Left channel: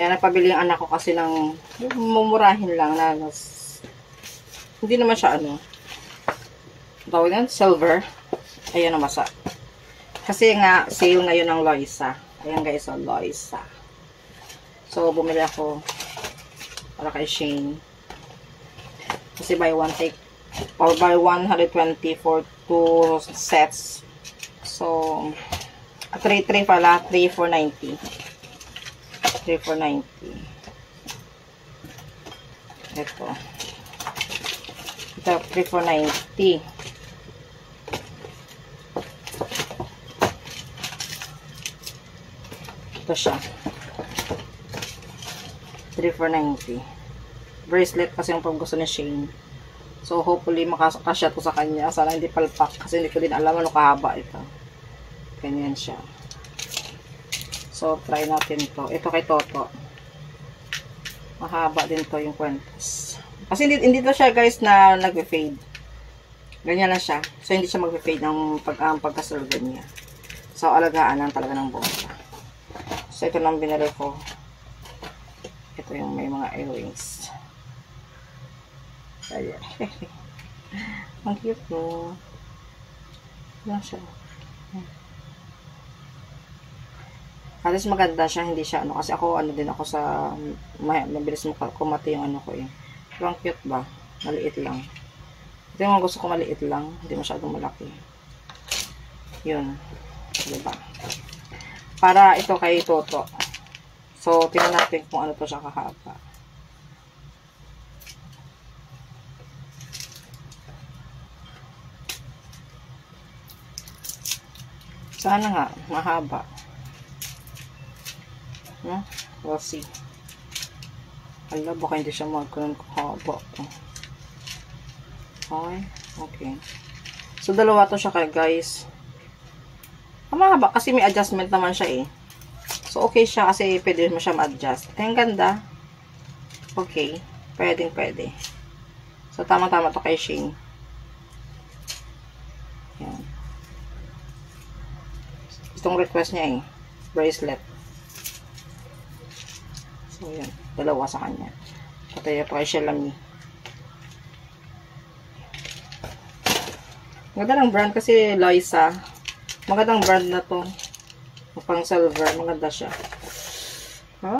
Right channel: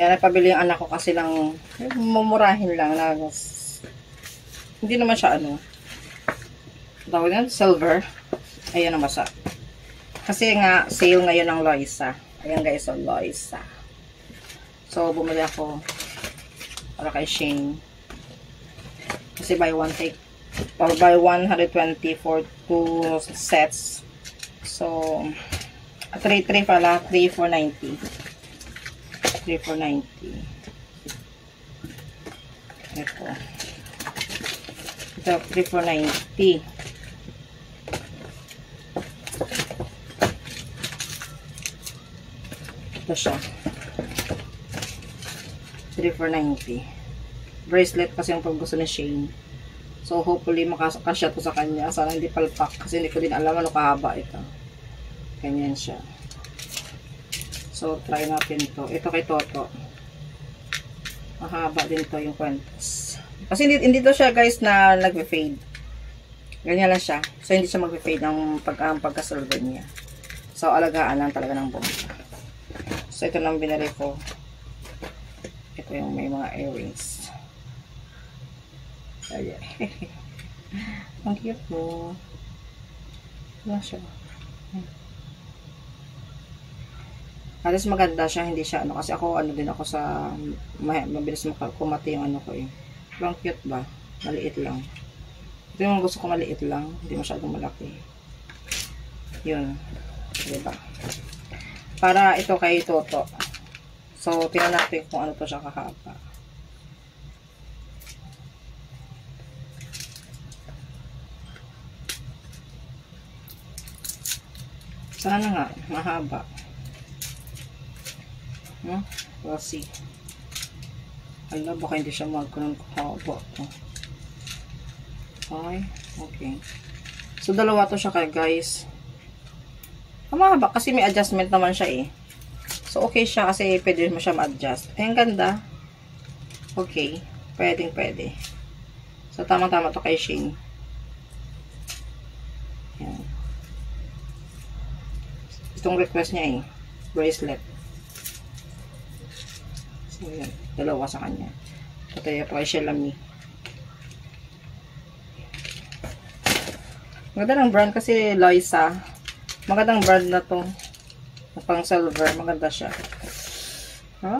Kaya napabili yung anak ko kasi ng mumurahin lang na hindi naman siya tawag yan, silver. Ayan ang masa. Kasi nga, sale ngayon ng Loisa. Ayan guys, ang Loisa. So, bumili ako para kay Shane. Kasi buy one take, or buy 120 for 2 sets. So, 3 pala, 3,490. 3,490. Ito. Ito, 3,490. Ito siya. 3,490. Bracelet kasi yung pag gusto ni Shane. So, hopefully, makasya to sa kanya. Sana hindi palpak. Kasi hindi ko din alam ano kahaba ito. Ganyan siya. So, try natin to. Ito kay Toto. Mahaba din to yung kwentas. Kasi hindi to siya guys na nag-fade. Ganyan lang siya. So, hindi siya mag-fade ng pagka-silver niya. So, alagaan lang talaga ng bongga. So, ito lang binili ko. Ito yung may mga earrings. Ayan. Ang cute mo. Yan siya. At least maganda siya. Hindi siya kasi ako din ako sa mabilis kumati yung ko eh. Pero ang cute ba? Maliit lang. Ito yung gusto ko maliit lang. Hindi masyadong malaki. Yun. Diba? Para ito kay Toto. So, tingnan natin kung ano to siya kahaba. Sana nga, mahaba. We'll see. Hala, baka hindi siya magkaroon kahaba. Okay. So, dalawa to siya kaya guys. Mahaba kasi may adjustment naman siya eh. So, okay siya kasi pwede mo siya ma-adjust. Ay, ang ganda. Okay. Pwede. So, tama-tama to kay Shane. Yan. Itong request niya eh. Bracelet. So, yan. Dalawa sa kanya. Pataya pa kay Shelami. Maganda ng brand kasi Loisa. Magandang brand na to. Pang silver. Maganda siya.